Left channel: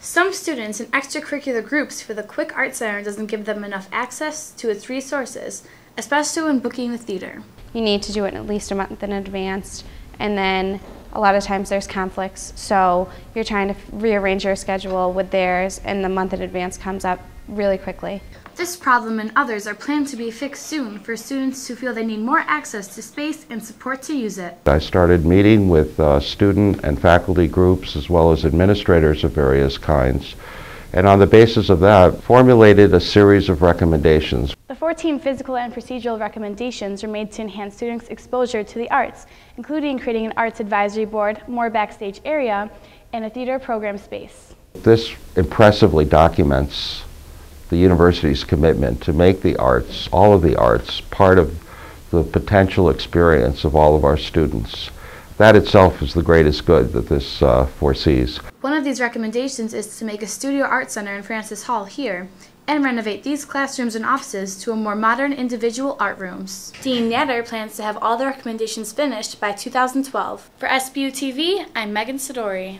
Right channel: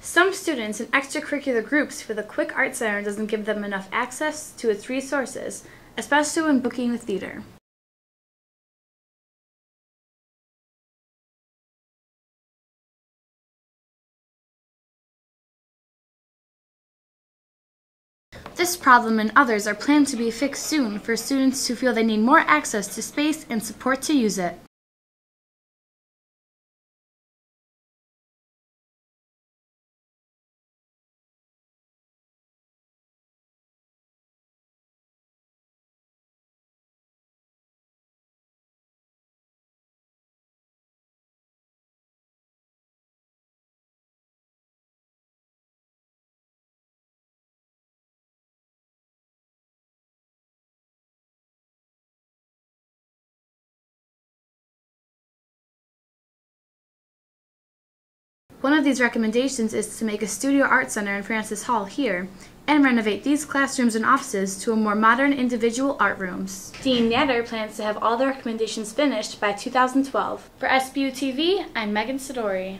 Some students in extracurricular groups feel the Quick Art Center doesn't give them enough access to its resources, especially when booking the theater. You need to do it at least a month in advance, and then a lot of times there's conflicts, so you're trying to rearrange your schedule with theirs, and the month in advance comes up really quickly. This problem and others are planned to be fixed soon for students who feel they need more access to space and support to use it. I started meeting with student and faculty groups as well as administrators of various kinds, and on the basis of that formulated a series of recommendations. The 14 physical and procedural recommendations are made to enhance students' exposure to the arts, including creating an arts advisory board, more backstage area, and a theater program space. This impressively documents the university's commitment to make the arts, all of the arts, part of the potential experience of all of our students. That itself is the greatest good that this foresees. One of these recommendations is to make a studio art center in Francis Hall here and renovate these classrooms and offices to a more modern individual art rooms. Dean Natter plans to have all the recommendations finished by 2012. For SBU TV, I'm Megan Sidori.